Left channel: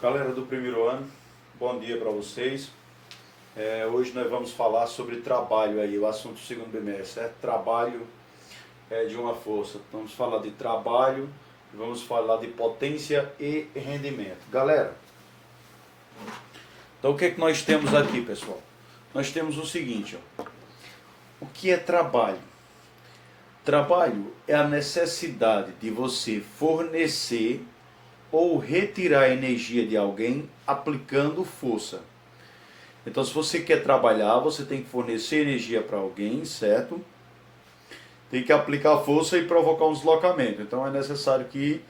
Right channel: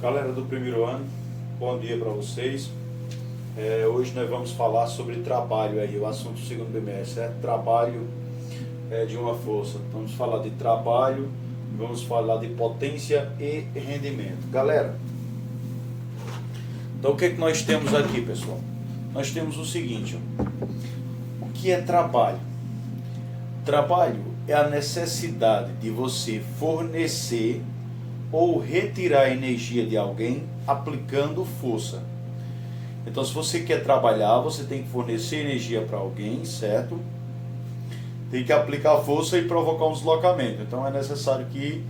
Galera do primeiro ano, bom dia para vocês. Hoje nós vamos falar sobre trabalho aí, o assunto do segundo bimestre, trabalho de uma força. Vamos falar de trabalho, vamos falar de potência e rendimento. Galera, então o que é que nós temos aqui, pessoal? Nós temos o seguinte, ó. O que é trabalho? Trabalho é a necessidade de você fornecer ou retirar energia de alguém aplicando força. Então, se você quer trabalhar, você tem que fornecer energia para alguém, certo? Tem que aplicar força e provocar um deslocamento. Então, é necessário que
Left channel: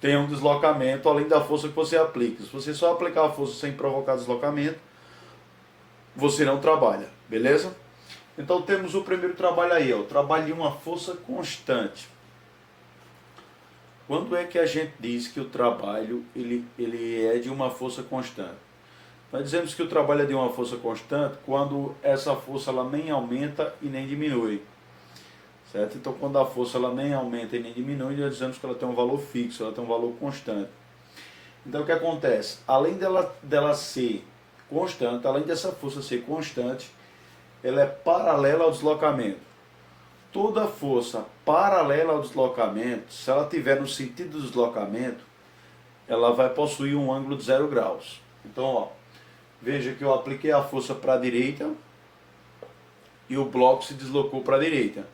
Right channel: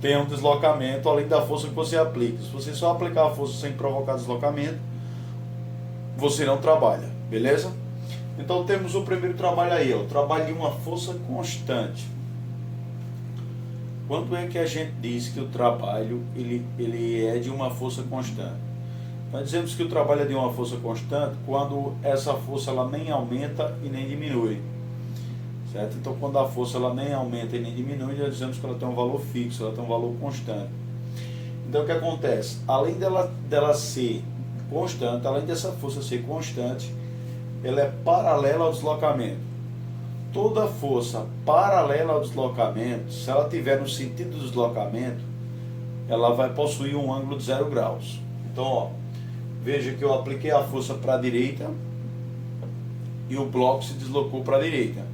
tenha um deslocamento além da força que você aplica. Se você só aplicar a força sem provocar deslocamento, você não trabalha, beleza? Então, temos o primeiro trabalho aí, ó, o trabalho de uma força constante. Quando é que a gente diz que o trabalho ele é de uma força constante? Nós dizemos que o trabalho é de uma força constante quando essa força ela nem aumenta e nem diminui. Certo? Então, quando a força ela nem aumenta e nem diminui, nós dizemos que ela tem um valor fixo, ela tem um valor constante. Então, o que acontece? Além dela ser constante, além dessa força ser constante, ela é paralela ao deslocamento. Toda força paralela ao deslocamento, se ela estiver no sentido do deslocamento, ela vai possuir um ângulo de 0 graus. Então, ó, veja que eu apliquei a força para a direita e o bloco se deslocou para a direita.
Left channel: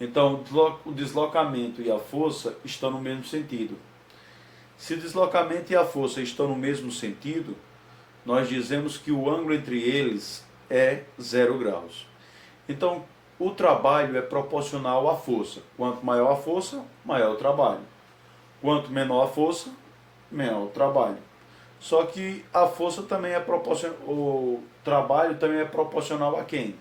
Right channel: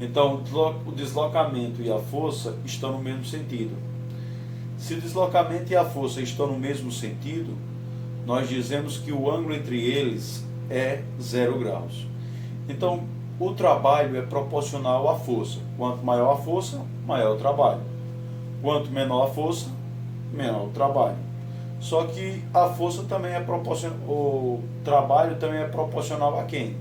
Então, o deslocamento e a força estão no mesmo sentido. Se o deslocamento e a força estão no mesmo sentido, nós dizemos que o ângulo entre eles é 0 graus. Então, o trabalho é proporcional à força. Quanto maior a força, maior o trabalho. Quanto menor a força, menor o trabalho. Só que a força também é proporcional, o trabalho também é proporcional a quem?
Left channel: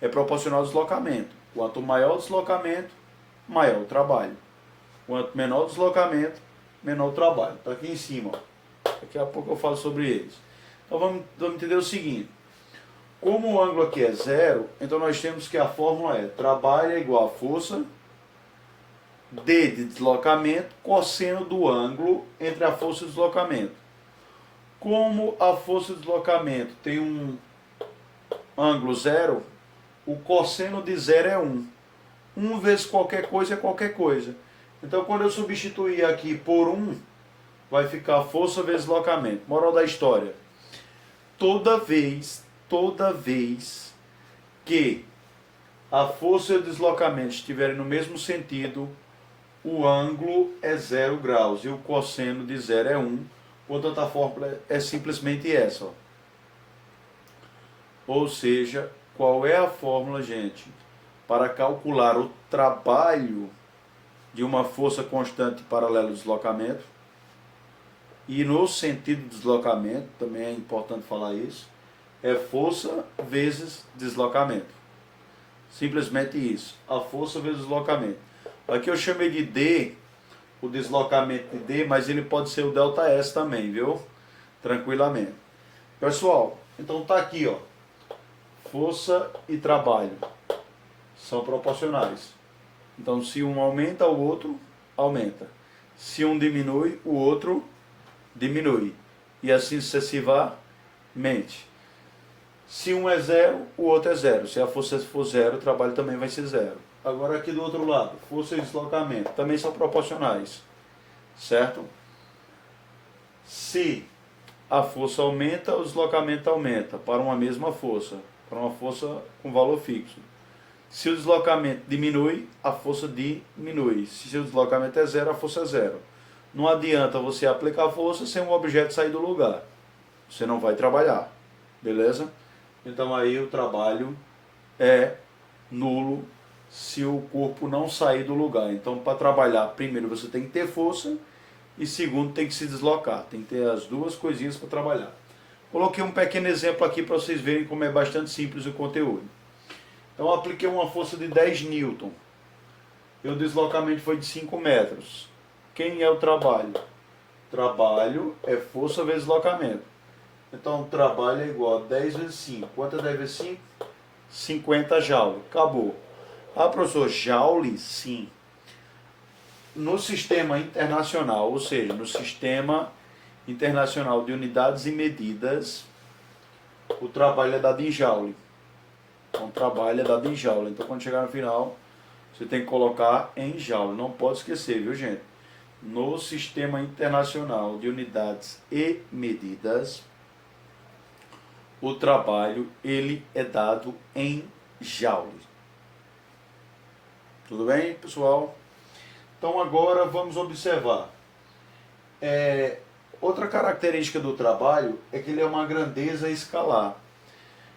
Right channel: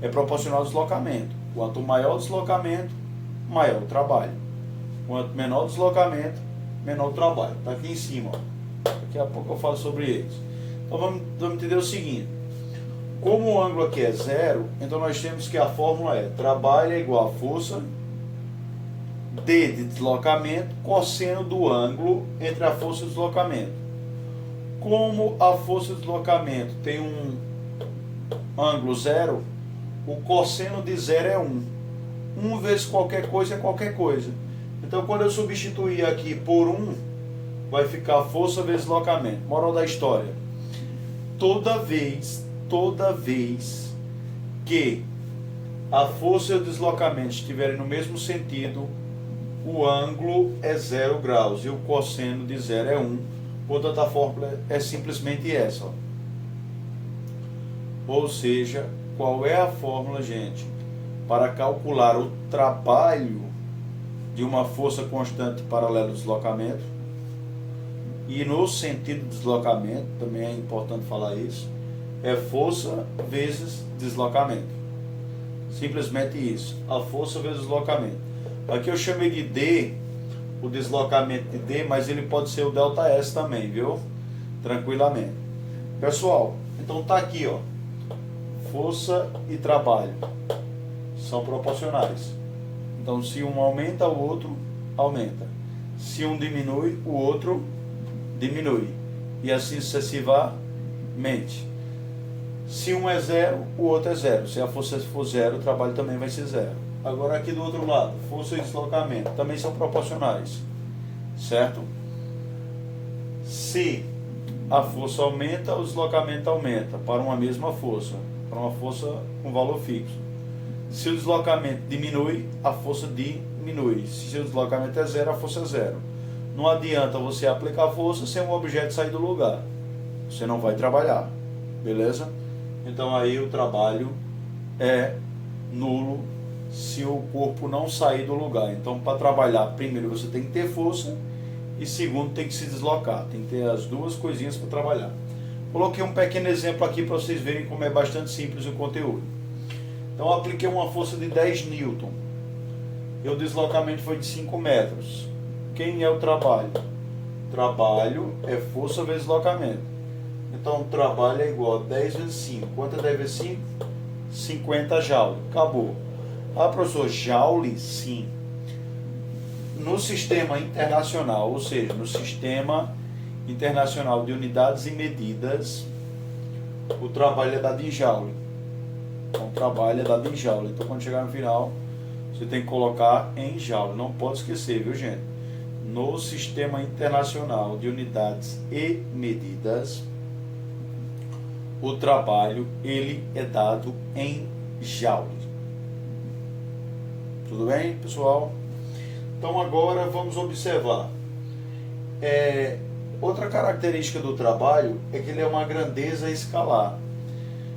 É proporcional ao deslocamento. Quanto maior o deslocamento, maior o trabalho. Quanto menor o deslocamento, menor o trabalho. Está aqui em cima, ó. Daqui a pouco eu falo sobre eles. Então vamos entender o seguinte. Como o ângulo aqui é 0, então nós temos que a fórmula é trabalho é igual a força D de deslocamento, cosseno do ângulo entre a força e o deslocamento. Como a força de deslocamento tem um ângulo 0, o cosseno de 0 é 1. 1 vezes qualquer coisa é qualquer coisa. Então, quando eu substituir aqui por 1, vai ficar força vezes deslocamento. Moral da história. Toda vez que a força e o deslocamento estiverem no mesmo sentido, o ângulo é 0 graus e o cosseno de 0 é 1. Portanto, a fórmula é simplesmente essa. Ó. Ou seja, qual é a fórmula, gente, para calcular o trabalho de uma força constante paralela ao deslocamento? E no sentido do deslocamento, também é importante falar isso, é força vezes deslocamento. Simplesmente isso. A força vezes deslocamento. Aqui eu chamei de D, o deslocamento de D, mas ele pode ser o ΔS também, viu? Tranquilamente. Pessoal, então tá aqui, ó. Força e trabalho são proporcionais. Então, se um aumenta, o outro aumenta. Se um diminui, o outro diminui. E assim sucessivamente. Se um é 0, o outro é 0. Se a força for 0, o trabalho também vai ser 0. Agora aqui do outro lado, força e deslocamento também são proporcionais, certo? Se a força aumenta, o deslocamento aumenta para uma mesma força, para uma força com valor fixo. Se o deslocamento diminui, a força diminui. Se o deslocamento é 0, a força é 0. Não adianta você aplicar força sem um objeto sair do lugar. Você não vai trabalhar, beleza? Então aí o trabalho é nulo se o corpo não sair do lugar. Então, para trabalhar, primeiro você tem que ter força e segundo tem que se deslocar. Tem que ter as duas coisinhas para trabalhar. Coloquei um pequeno exemplo aqui para vocês verem como é bastante simples o conteúdo. Então, eu apliquei uma força de 10 newton e o deslocamento foi de 5 metros. Quem é o trabalho? Trabalho é força vezes deslocamento. Então, o trabalho é igual a 10 vezes 5. Quanto é 10 vezes 5? 50 joules. Acabou. Ah, professor, joule? Sim. No sistema internacional, ou seja, no sistema Internacional de Unidades e Medidas, o trabalho é dado em joule. Então, o trabalho é dado em joule. Então, quando chegar no final, você tem que colocar em joule. Não pode esquecer, viu, gente? No Sistema Internacional de Unidades e Medidas, o trabalho ele é dado em joule. Tudo bem, pessoal? Então, agora vamos observar. Outra característica do trabalho é que ele é uma grandeza escalar.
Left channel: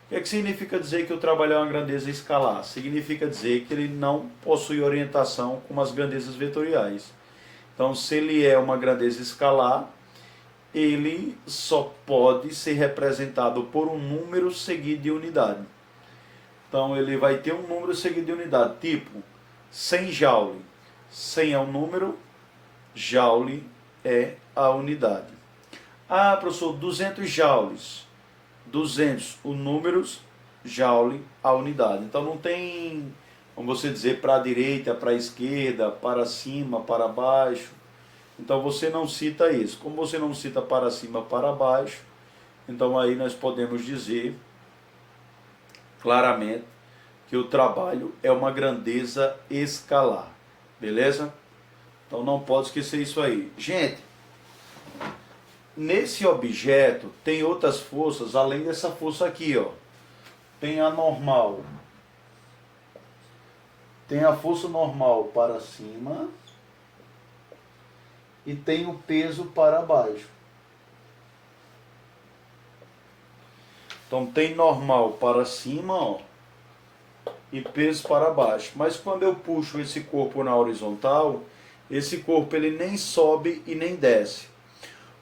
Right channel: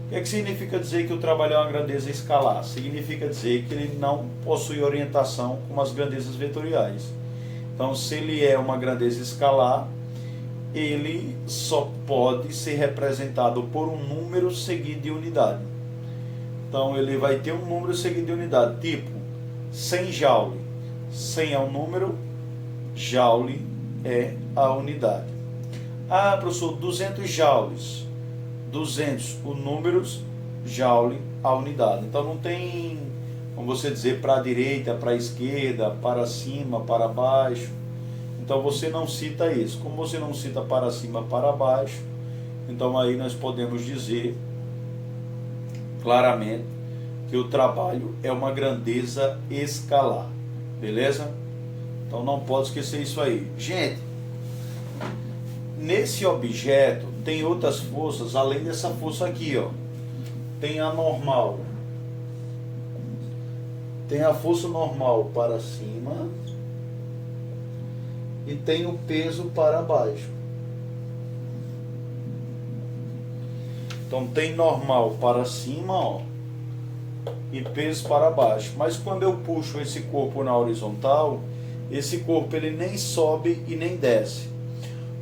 O que significa dizer que o trabalho é uma grandeza escalar? Significa dizer que ele não possui orientação como as grandezas vetoriais. Então, se ele é uma grandeza escalar, ele só pode ser representado por um número seguido de unidade. Então, ele vai ter um número seguido de unidade, tipo 100 joule. 100 é o número, joule é a unidade. Ah, professor, 200 joules. 200, o número, joule, a unidade. Então, não tem, como você dizer, para a direita, para a esquerda, para cima, para baixo. Então, você não cita isso. Como você não cita para cima, para baixo, então aí nós podemos dizer claramente que o trabalho é uma grandeza escalar. Beleza? Então, não pode esquecer isso aí. Gente, nesse objeto tem outras forças, além dessa força aqui, ó. Tem a normal. Tem a força normal para cima e tem o peso para baixo. Então tem normal para cima, ó, e peso para baixo. Mas quando eu puxo esse corpo na horizontal, esse corpo ele nem sobe e nem desce.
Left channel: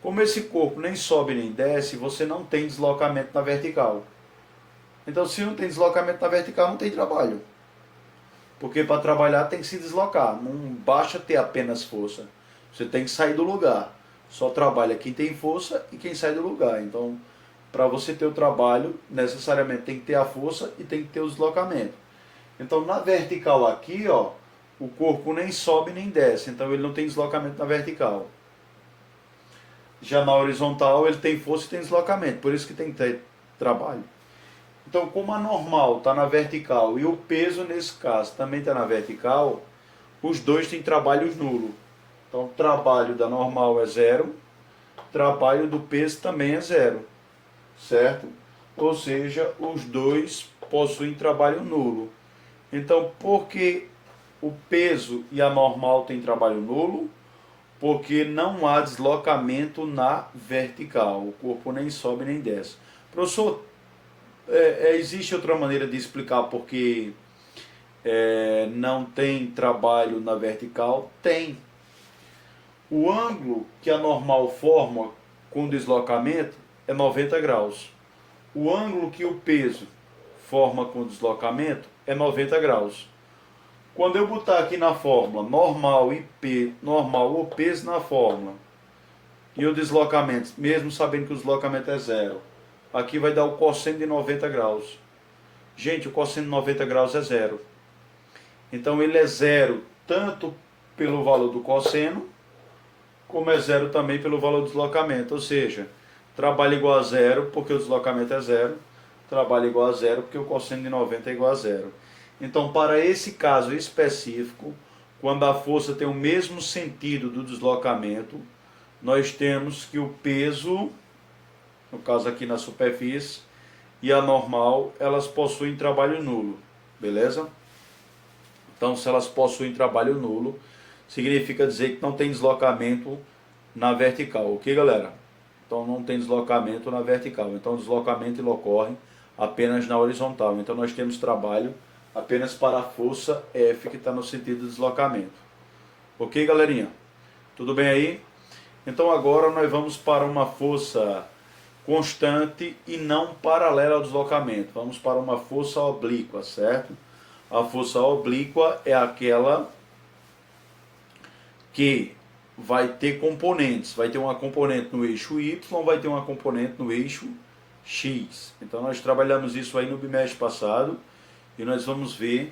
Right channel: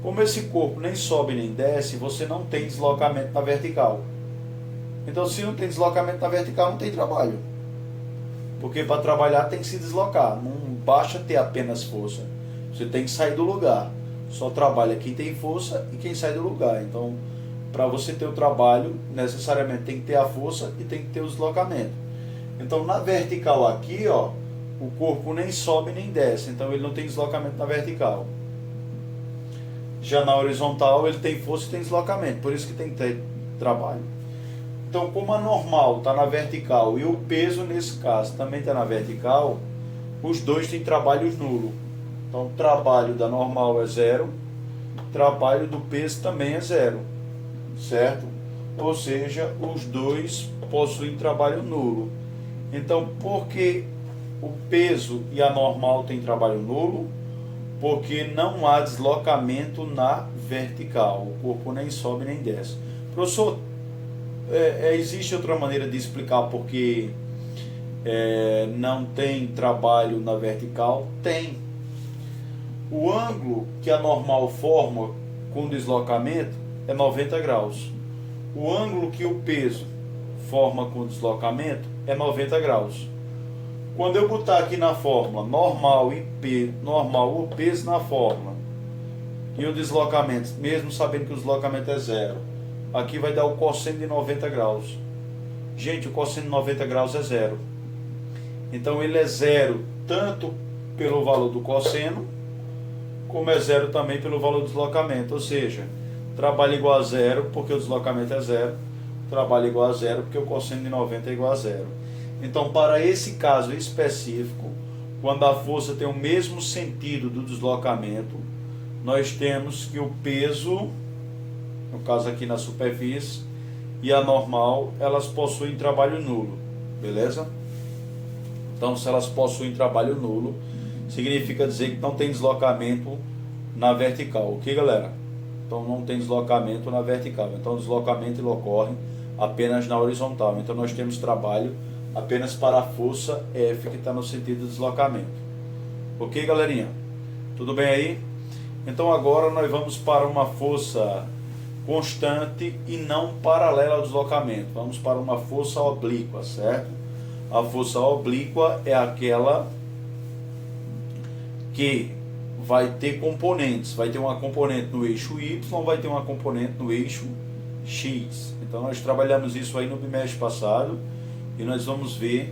Como esse corpo nem sobe nem desce, você não tem deslocamento na vertical. Então, se não tem deslocamento na vertical, não tem trabalho. Porque para trabalhar tem que se deslocar. Não basta ter apenas força. Você tem que sair do lugar. Só trabalha quem tem força e quem sai do lugar. Então, para você ter o trabalho, necessariamente tem que ter a força e tem que ter o deslocamento. Então, na vertical aqui, ó, o corpo nem sobe nem desce. Então, ele não tem deslocamento na vertical. Já na horizontal, ele tem força e tem deslocamento. Por isso que tem que ter trabalho. Então, como a normal está na vertical e o peso, nesse caso, também está na vertical, os dois têm trabalhos nulos. Então, o trabalho da normal é zero, o trabalho do peso também é zero, certo? Ou seja, os dois possuem trabalho nulo. Então, por que o peso e a normal têm trabalho nulo? Porque não há deslocamento na vertical. O corpo nem sobe nem desce. Professor, existe outra maneira de explicar por que não tem trabalho na vertical? Tem. O ângulo que a normal forma com deslocamento é 90 graus. O ângulo que o peso forma com deslocamento é 90 graus. Quando eu botar aqui na fórmula normal o peso na fórmula e o deslocamento, mesmo sabendo que o deslocamento é zero, aqui vai dar o cosseno de 90 graus. Gente, o cosseno de 90 graus é zero. Então ele é zero tanto pelo valor do cosseno, como é zero também pelo valor do deslocamento. Ou seja, trabalho igual a zero porque o deslocamento é zero, trabalho igual a zero porque o cosseno de 90 é igual a zero. Então, para esse caso específico, quando a força tem o mesmo sentido do deslocamento, nós temos que o peso, no caso aqui na superfície, e a normal, elas possuem trabalho nulo, beleza? Então, se elas possuem trabalho nulo, significa dizer que não tem deslocamento na vertical, ok, galera? Então, não tem deslocamento na vertical. Então, o deslocamento ele ocorre apenas na horizontal. Então, nós temos trabalho apenas para a força F, que está no sentido do deslocamento. Ok, galerinha? Tudo bem aí? Então, agora nós vamos para uma força constante e não paralela ao deslocamento. Vamos para uma força oblíqua, certo? A força oblíqua é aquela que vai ter componentes. Vai ter uma componente no eixo Y, vai ter uma componente no eixo X. Então, nós trabalhamos isso aí no bimestre passado. E nós vamos ver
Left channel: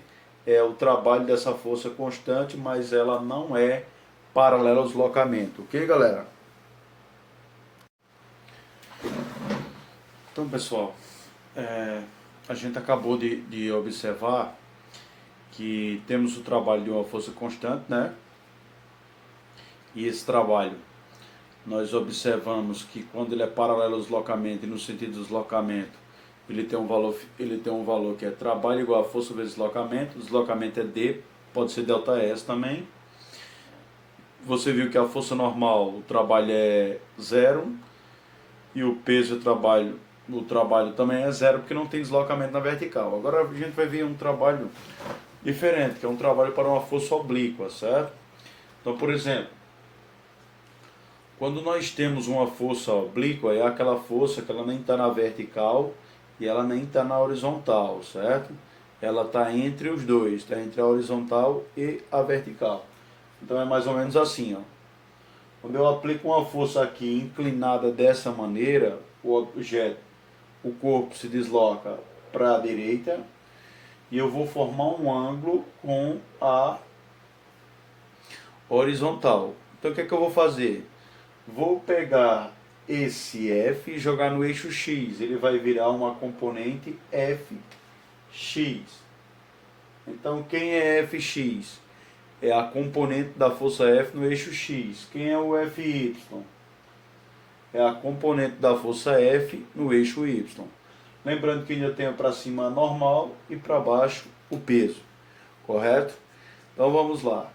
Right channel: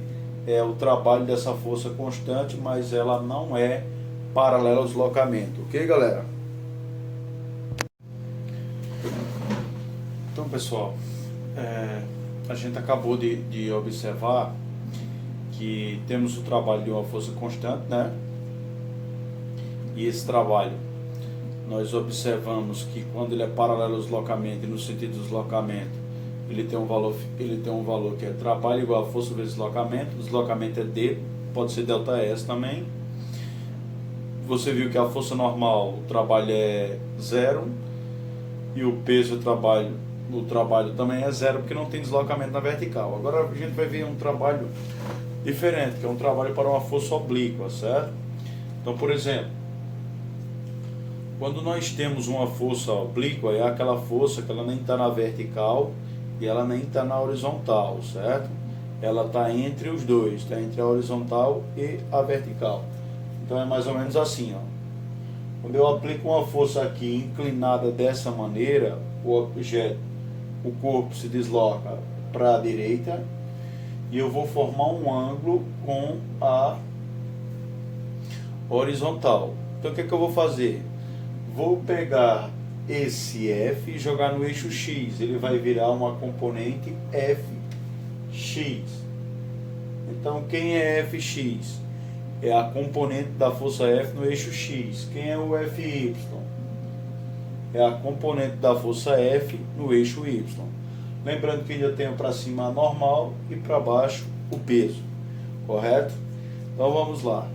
o trabalho dessa força constante, mas ela não é paralela ao deslocamento. Ok, galera? Então, pessoal, a gente acabou de observar que temos o trabalho de uma força constante, né? E esse trabalho, nós observamos que quando ele é paralelo ao deslocamento e no sentido do deslocamento, ele tem um valor que é trabalho igual a força vezes deslocamento. O deslocamento é D, pode ser ΔS também. Você viu que a força normal, o trabalho é zero, e o peso o trabalho também é zero, porque não tem deslocamento na vertical. Agora a gente vai ver um trabalho diferente, que é um trabalho para uma força oblíqua, certo? Então, por exemplo, quando nós temos uma força oblíqua, é aquela força que ela nem está na vertical e ela nem está na horizontal, certo? Ela está entre os dois, está entre a horizontal e a vertical. Então é mais ou menos assim, ó. Quando eu aplico uma força aqui inclinada dessa maneira, o objeto, o corpo se desloca para a direita e eu vou formar um ângulo com a horizontal. Então o que é que eu vou fazer? Vou pegar esse F e jogar no eixo X. Ele vai virar uma componente Fx. Então quem é Fx? É a componente da força F no eixo X. Quem é o Fy? É a componente da força F no eixo Y. Lembrando que ainda tenho para cima a normal e para baixo o peso. Correto? Então vamos lá.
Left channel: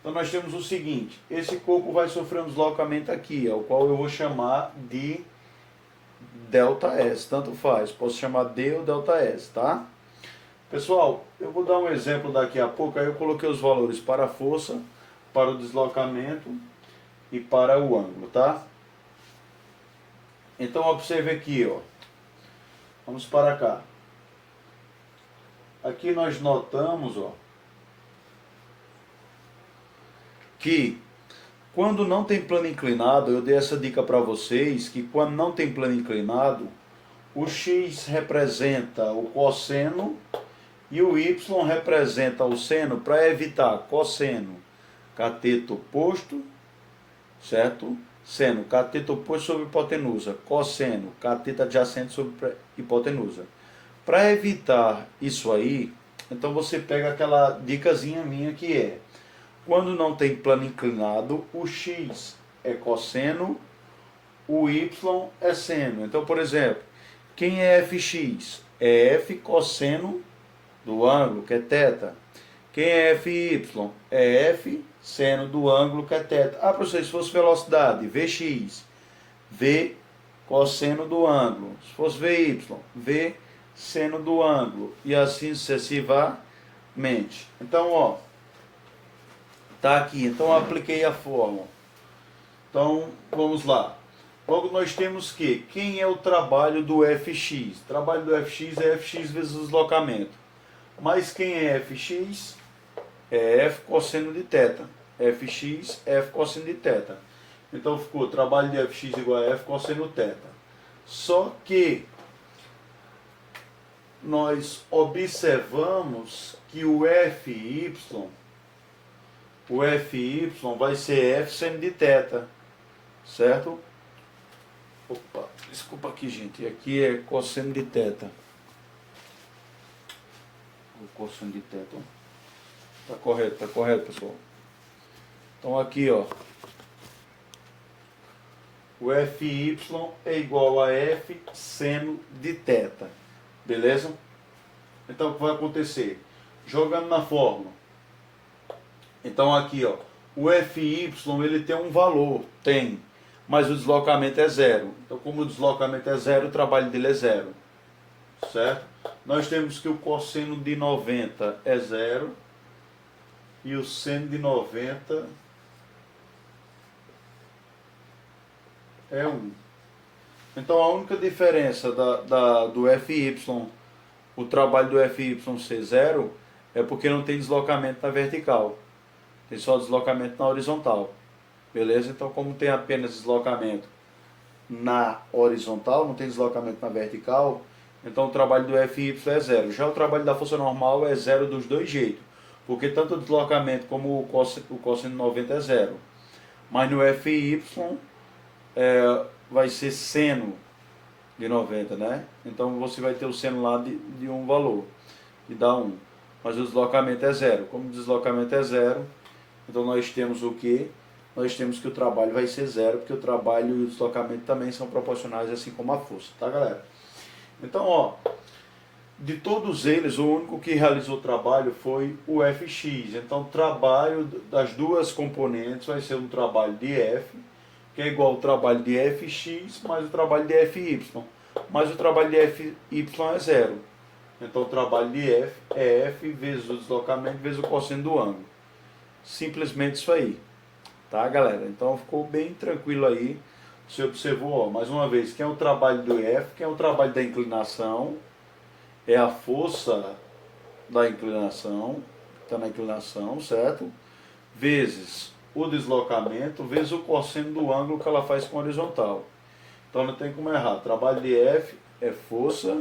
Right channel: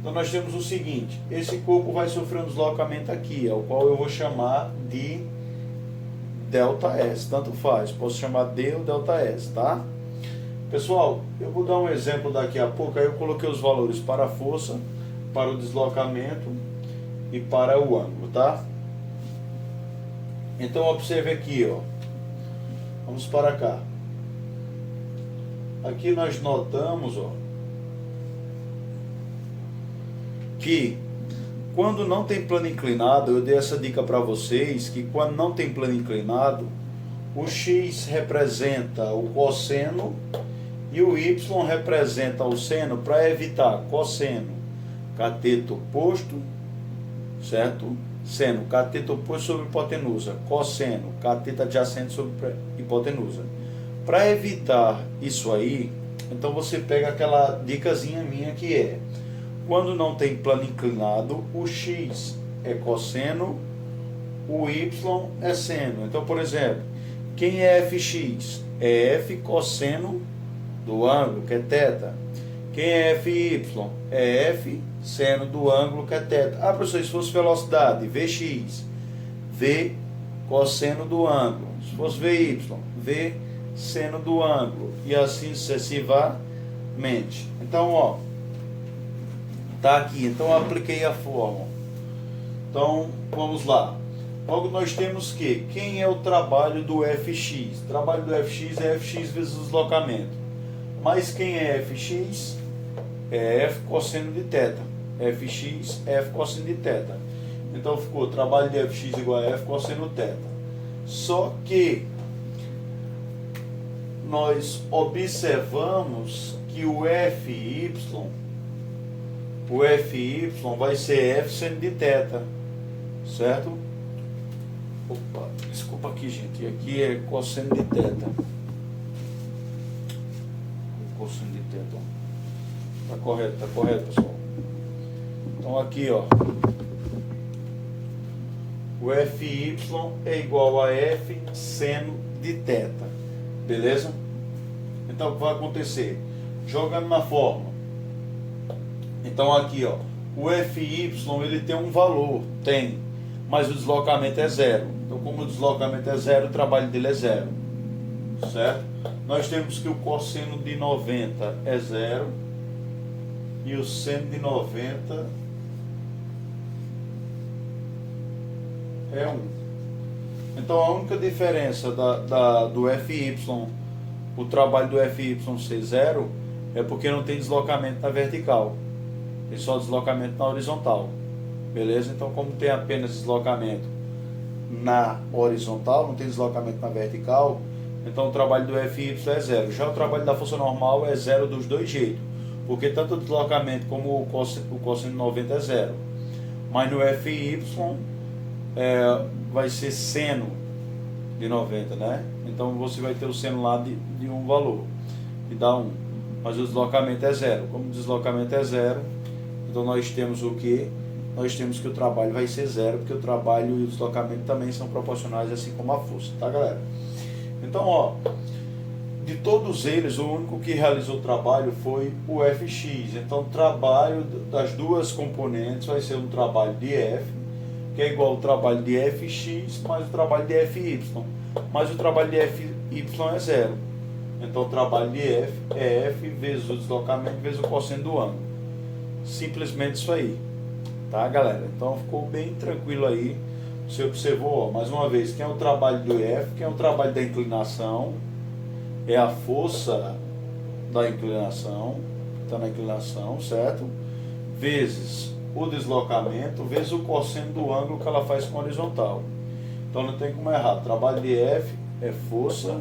Então nós temos o seguinte. Esse corpo vai sofrer um deslocamento aqui, o qual eu vou chamar de ΔS. Tanto faz. Posso chamar D ou ΔS, tá? Pessoal, eu vou dar um exemplo daqui a pouco. Aí eu coloquei os valores para a força, para o deslocamento e para o ângulo, tá? Então observe aqui, ó. Vamos para cá. Aqui nós notamos, ó, que quando não tem plano inclinado, eu dei essa dica para vocês, que quando não tem plano inclinado, o X representa o cosseno e o Y representa o seno, para evitar cosseno, cateto oposto, certo? Seno, cateto oposto sobre hipotenusa. Cosseno, cateto adjacente sobre hipotenusa. Para evitar isso aí, então você pega aquela dicasinha minha que é: quando não tem plano inclinado, o X é cosseno, o Y é seno. Então, por exemplo, quem é Fx? É F cosseno do ângulo, que é θ. Quem é Fy? É F seno do ângulo, que é θ. Ah, professor, se fosse velocidade, Vx, V cosseno do ângulo. Se fosse Vy, V seno do ângulo. E assim sucessivamente. Então, ó, tá aqui. Então, eu apliquei a fórmula. Então, vamos lá. Logo, nós temos que, quem é o trabalho do Fx? O trabalho do Fx é Fx vezes o deslocamento. Mas quem é Fx? É F cosseno de θ. Fx, F cosseno de θ. Então ficou trabalho de Fx igual a F cosseno θ. Só que nós observamos que o Fy vai ser F seno de θ. Certo? Opa, desculpa aqui, gente. Aqui é cosseno de θ. Cosseno de θ. Tá correto, pessoal. Então aqui, ó, o Fy é igual a F seno de θ. Beleza? Então o que vai acontecer? Jogando na fórmula. Então aqui, ó, o Fy ele tem um valor, mas o deslocamento é zero. Então como o deslocamento é zero, o trabalho dele é zero. Certo? Nós temos que o cosseno de 90 é zero e o seno de 90 é 1. Então a única diferença do Fy, o trabalho do Fy ser zero, é porque não tem deslocamento na vertical. Tem só deslocamento na horizontal. Beleza? Então como tem apenas deslocamento na horizontal, não tem deslocamento na vertical, então o trabalho do Fy é zero. Já o trabalho da força normal é zero dos dois jeitos, porque tanto o deslocamento como o cosseno de 90 é zero. Mas no Fy vai ser seno de 90, né? Então você vai ter o seno lá de um valor, que dá 1. Mas o deslocamento é 0. Como o deslocamento é 0, então nós temos o quê? Nós temos que o trabalho vai ser 0, porque o trabalho e o deslocamento também são proporcionais, assim como a força, tá, galera? Então, ó, de todos eles, o único que realizou o trabalho foi o Fx. Então, o trabalho das duas componentes vai ser um trabalho de F, que é igual ao trabalho de Fx mais o trabalho de Fy. Mas o trabalho de Fy é 0. Então, o trabalho de F é F vezes o deslocamento vezes o cosseno do ângulo. Simplesmente isso aí. Tá, galera? Então, ficou bem tranquilo aí. Você observou, ó, mais uma vez, quem é o trabalho do F, quem é o trabalho da inclinação, é a força da inclinação, está na inclinação, certo? Vezes o deslocamento, vezes o cosseno do ângulo que ela faz com a horizontal. Então não tem como errar. Trabalho de F é força,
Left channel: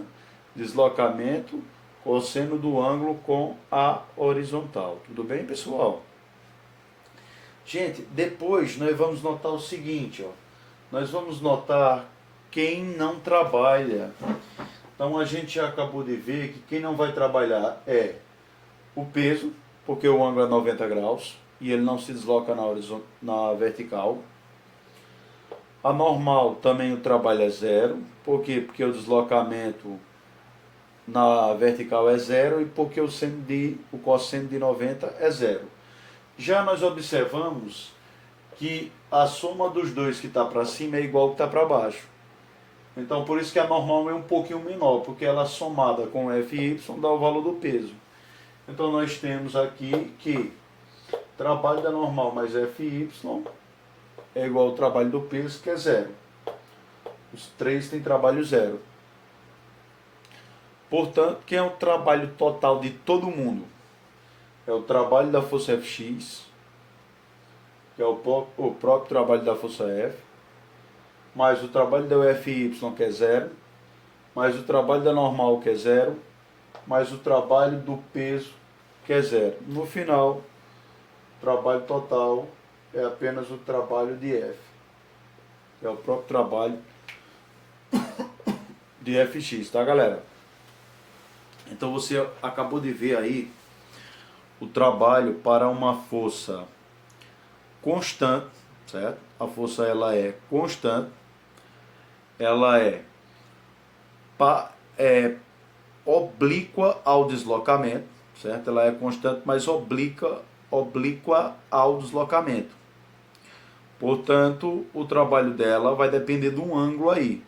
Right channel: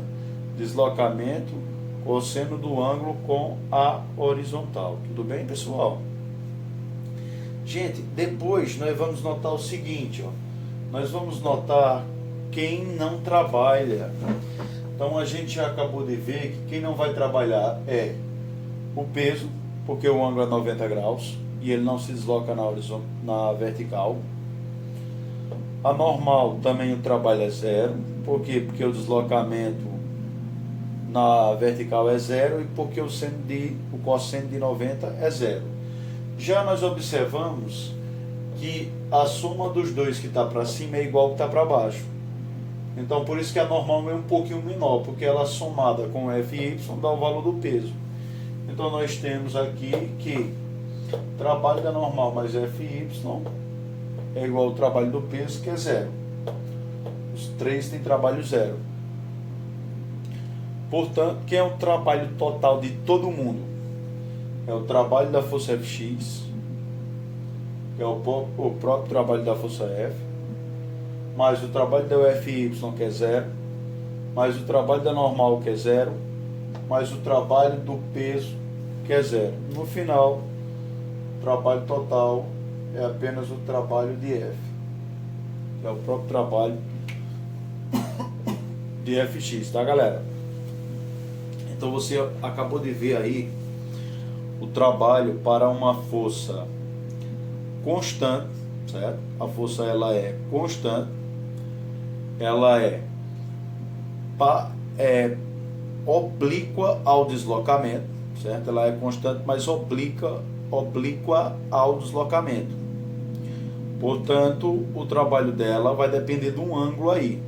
deslocamento, cosseno do ângulo com a horizontal. Tudo bem, pessoal? Gente, depois nós vamos notar o seguinte, ó. Nós vamos notar quem não trabalha. Então a gente já acabou de ver que quem não vai trabalhar é o peso, porque o ângulo é 90 graus e ele não se desloca na vertical. A normal também o trabalho é 0. Por quê? Porque o deslocamento na vertical é 0 e porque o cosseno de 90 é 0. Já nós observamos que a soma dos dois que está para cima é igual ao que está para baixo. Então, por isso que a normal é um pouquinho menor, porque ela somada com Fy dá o valor do peso. Então, nós temos aqui que trabalho da normal mais Fy é igual ao trabalho do peso, que é 0. Os três têm trabalho 0. Portanto, quem é o trabalho total de todo mundo? É o trabalho da força Fx, que é o próprio trabalho da força F, mais o trabalho da Fy, que é 0, mais o trabalho da normal, que é 0, mais o trabalho do peso, que é 0. No final, o trabalho total é apenas o trabalho de F, que é o próprio trabalho de Fx, tá, galera? Então você acabou de ver aí o trabalho para uma força constante, certo? A força ela é constante, ela é oblíqua ao deslocamento, certo? Ela é constante, mas oblíqua ao deslocamento. Portanto, o trabalho dela vai depender de um ângulo aí.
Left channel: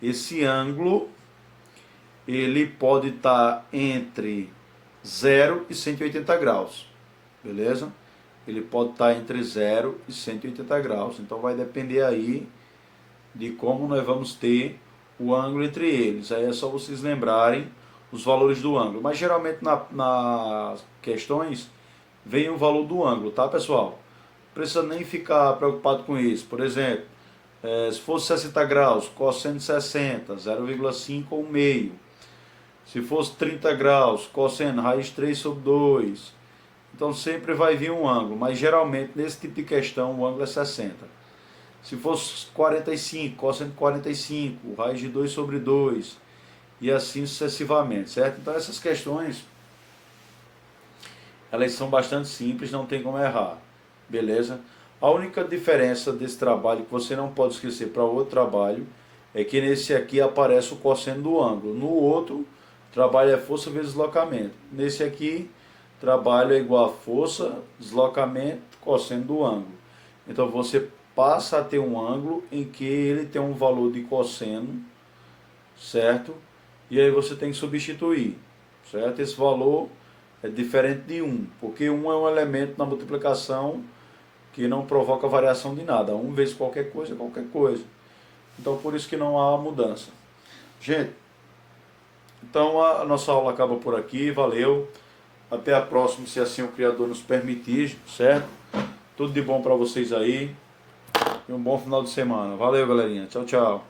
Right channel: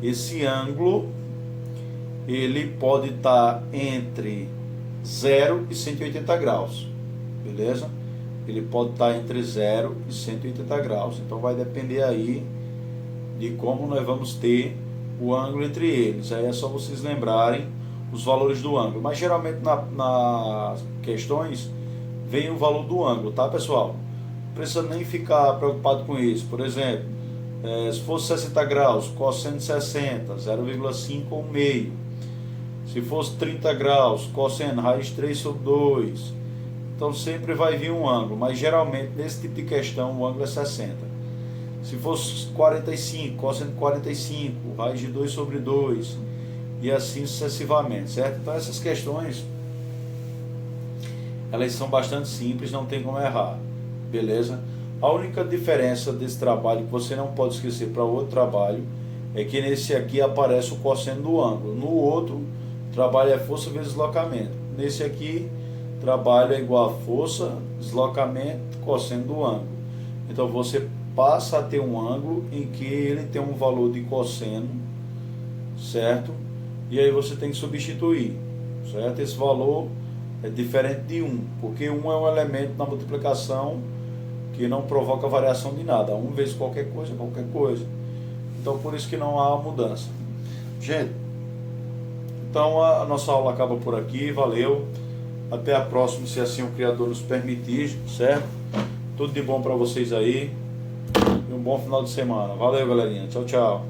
Esse ângulo ele pode estar entre 0 e 180 graus, beleza? Ele pode estar entre 0 e 180 graus, então vai depender aí de como nós vamos ter o ângulo entre eles. Aí é só vocês lembrarem os valores do ângulo, mas geralmente nas questões vem o valor do ângulo, tá, pessoal? Não precisa nem ficar preocupado com isso. Por exemplo, se fosse 60 graus, cosseno de 60, 0,5 ou meio. Se fosse 30 graus, cosseno raiz 3 sobre 2. Então sempre vai vir um ângulo, mas geralmente nesse tipo de questão o ângulo é 60. Se fosse 45, cosseno de 45, raiz de 2 sobre 2, e assim sucessivamente, certo? Então essas questões, elas são bastante simples, não tem como errar, beleza? A única diferença desse trabalho que você não pode esquecer para outro trabalho é que nesse aqui aparece o cosseno do ângulo. No outro, trabalho é força vezes deslocamento. Nesse aqui, trabalho é igual a força, deslocamento, cosseno do ângulo. Então você passa a ter um ângulo em que ele tem um valor de cosseno, certo? E aí você tem que substituir, certo? Esse valor é diferente de 1, porque 1 é um elemento na multiplicação que não provoca variação de nada. 1 vezes qualquer coisa é qualquer coisa. Então por isso que não há mudança. Gente, então a nossa aula acaba por aqui, valeu. Até a próxima, se assim o Criador nos permitir, certo? Tudo de bom para vocês aí. E um bom final de semana. Valeu, galerinha. Tchau, tchau.